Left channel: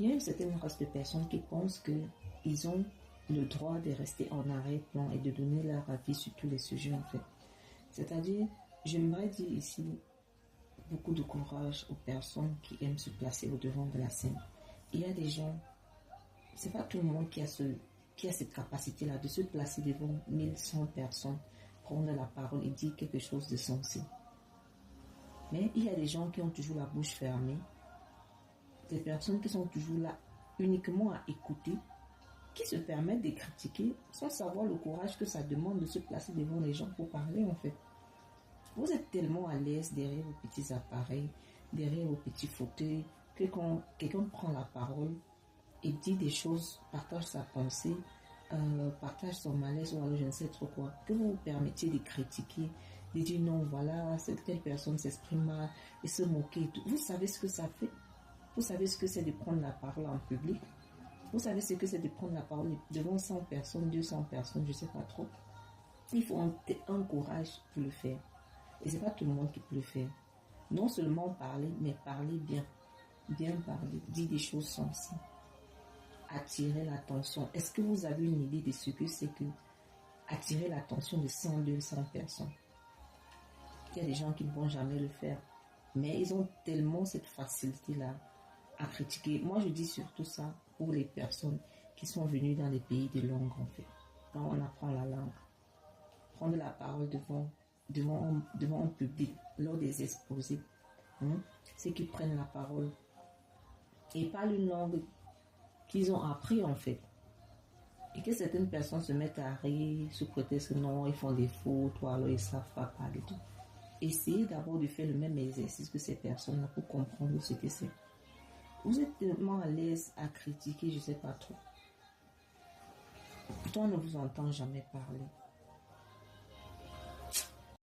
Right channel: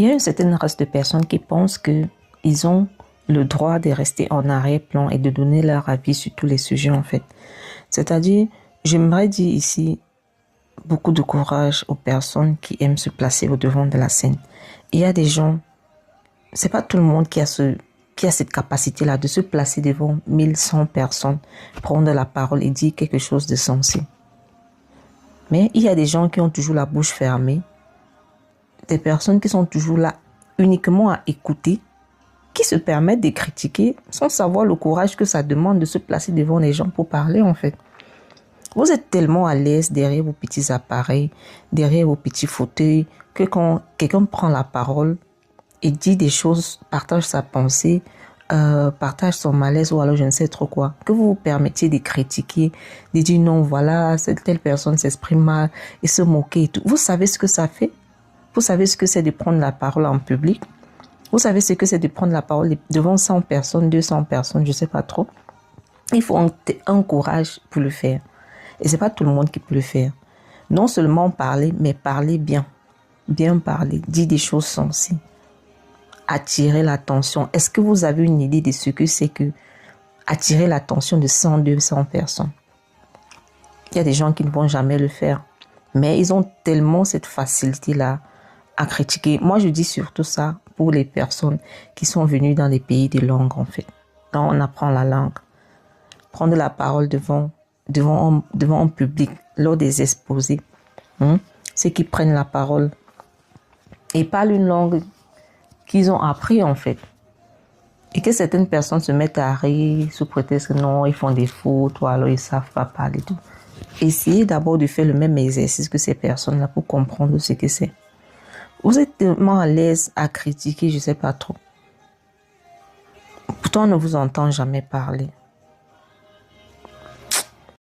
Il y a une certaine race de personnes qui pensent qu'ils ont le droit de rester en arrière-plan et de donner leur avis sur tous les sujets en fait. C'est-à-dire, j'aimerais dire ici beaucoup de courage aux personnes qui aiment se placer au devant de la scène. Il y a des gens, c'est pas tout le monde qui a cette capacité-là de se placer devant 1100 personnes, prendre la parole et dire quelque chose de sensé. Mais il y a des gens qui ont toujours la bouche fermée, des personnes qui sont toujours là uniquement à écouter, qui se permettent de critiquer sans savoir le courage que ça demande de se placer devant les gens pour parler en fait. Vous êtes tellement à l'aise derrière vos petits appareils, derrière vos petits fauteuils, que quand quelqu'un prend la parole et dit des choses, partage sa pensée, partage son malaise ou alors je ne sais trop quoi, que vous vous permettiez de critiquer, de dire non, voilà, cette telle personne s'exprime mal et se moquer et tout. Vous savez ce que ça fait? Vous savez ce que c'est de prendre la parole en public? Vous savez ce que c'est de prendre la parole devant 100 personnes, 200 personnes, je ne sais pas trop. Il faut un courage pour le faire. Et ce n'est pas tout le monde qui peut le faire. Non seulement parler, mais parler bien. Bien parler, dire des choses sensées. Attirer l'attention. Est-ce que vous avez une idée de ce que c'est que attirer l'attention de 100, 200 personnes? Il y a des gens qui ne vont jamais le faire. Mais ils ont tellement cette facilité-là à critiquer. Moi, je dis surtout ça pour les personnes qui sont venues dans les pays de langue, en fait. Quand on apprend la langue, prendre la parole devant un public, lors des exposés, ceux qui prennent la parole et parlent une langue qu'ils ont appris, en fait. Et que certaines personnes se mettent à rire sous prétexte que non, ils font des fautes ou alors ils ne savent pas parler tout. Essayez d'abord de faire le même exercice que ces personnes-là pour comprendre ce que c'est. Vous êtes tellement à l'aise à critiquer, je ne sais pas trop. Pourtant, on ne vous entend jamais parler.